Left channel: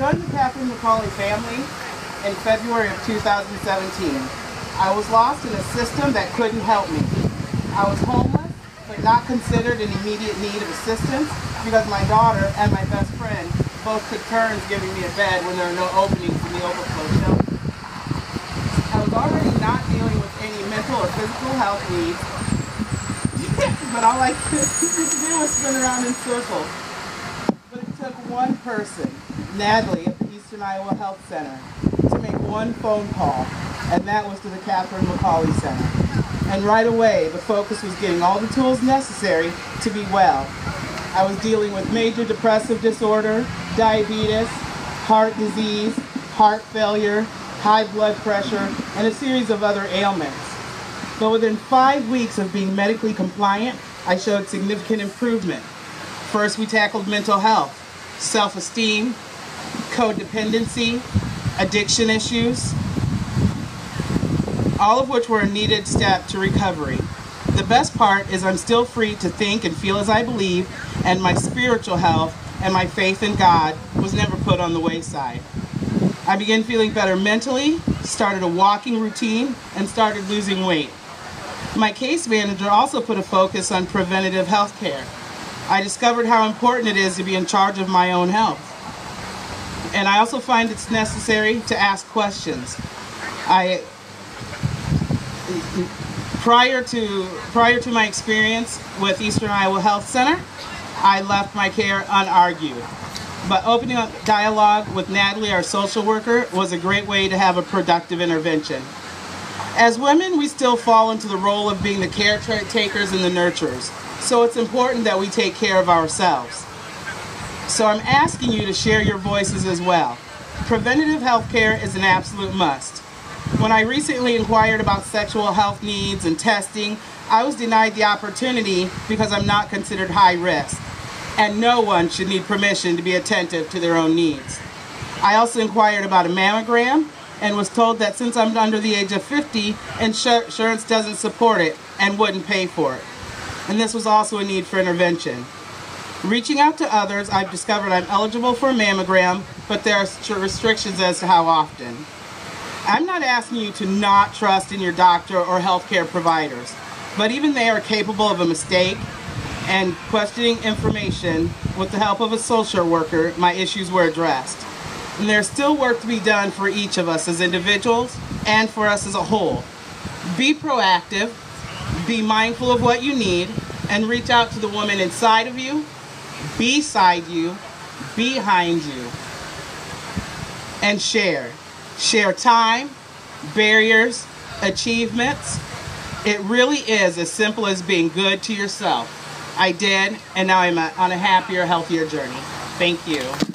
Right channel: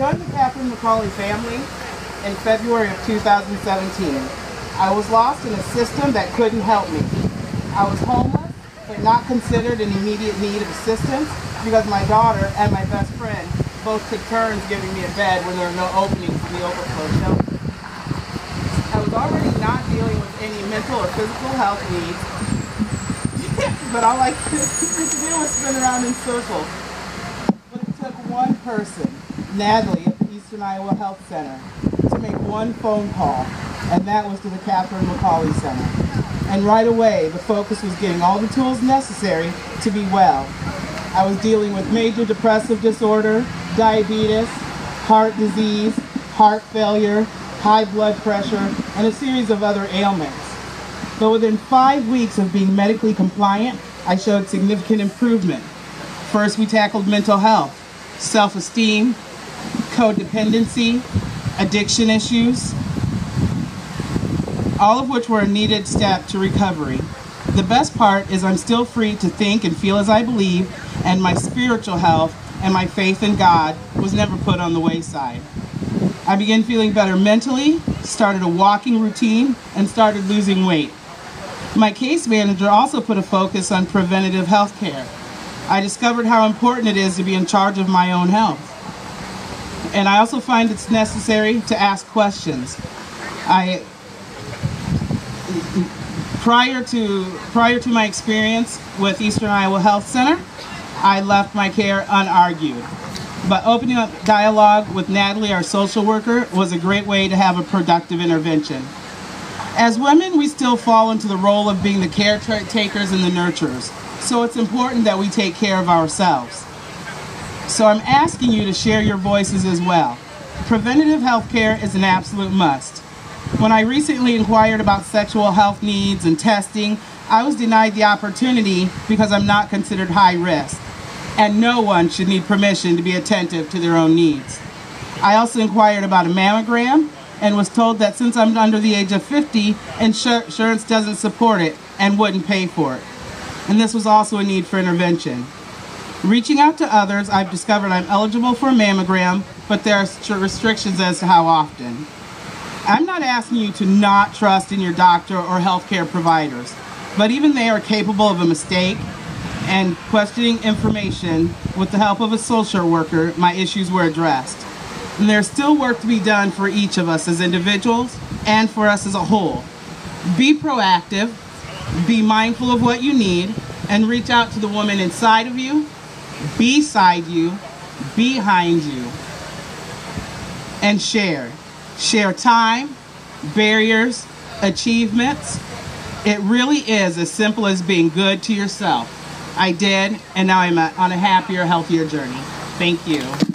joined the Catherine McCauley family in February of 2017. I was lost in a system that couldn't help me. I was homeless, but not considered in immediate need of assistance because my daughter and my best friend both took turns giving me a bed when there were no openings in the overflow shelter. I was already not dealing with any mental or physical health needs, but all I could do was spin around in circles. But it took one person, Natalie at the Eastern Iowa Health Center, to make one phone call, and that was to the Catherine McCauley Center. And right away, the focus was getting all the tools necessary to be well. I was dealing with major depressive disorder, diabetes, heart disease, heart failure, high blood pressure, and a series of other ailments. But within 5 weeks of being medically compliant, I showed significant improvement. First, we tackled mental health, self-esteem, codependency, addiction issues, all of which were a needed step to recovery. The best part is I'm still free to think and feel as I believe, and my spiritual health and my faith in God was never put on the wayside. I began feeling better mentally, started a walking routine, and started losing weight. My case manager also put a focus on preventative health care. I discovered how important it is to be in charge of my own health. And I also find it's necessary to ask questions. Prior to my experience with Eastern Iowa Health Center, I left my care unargued. But opening up dialogue with Natalie, our social worker, was a great way to have a productive intervention. As women, we still fall into the role of being the caretakers and the nurturers, so it's important that we take care of ourselves. So I'm asking you to share your voices as well. Preventative health care is an absolute must. When I recently inquired about sexual health needs and testing, I was denied the opportunity because I'm not considered high risk, and no one should need permission to be attentive to their own needs. I also inquired about a mammogram and was told that since I'm under the age of 50, insurance doesn't support it and wouldn't pay for it. And this was also a need for intervention. Reaching out to others, I've discovered I'm eligible for a mammogram, but there are restrictions as to how often. I'm not asking you to not trust in your doctor or healthcare providers, but even they are capable of a mistake, and questioning information with the help of a social worker, my issues were addressed. And there's still work to be done for each of us as individuals and for us as a whole. Be proactive, be mindful of what you need, and reach out to the woman inside of you, beside you, behind you, and share. Share time, barriers, achievements. It really is as simple as being good to yourself. I did, and now I'm on a happier, healthier journey. Thank you.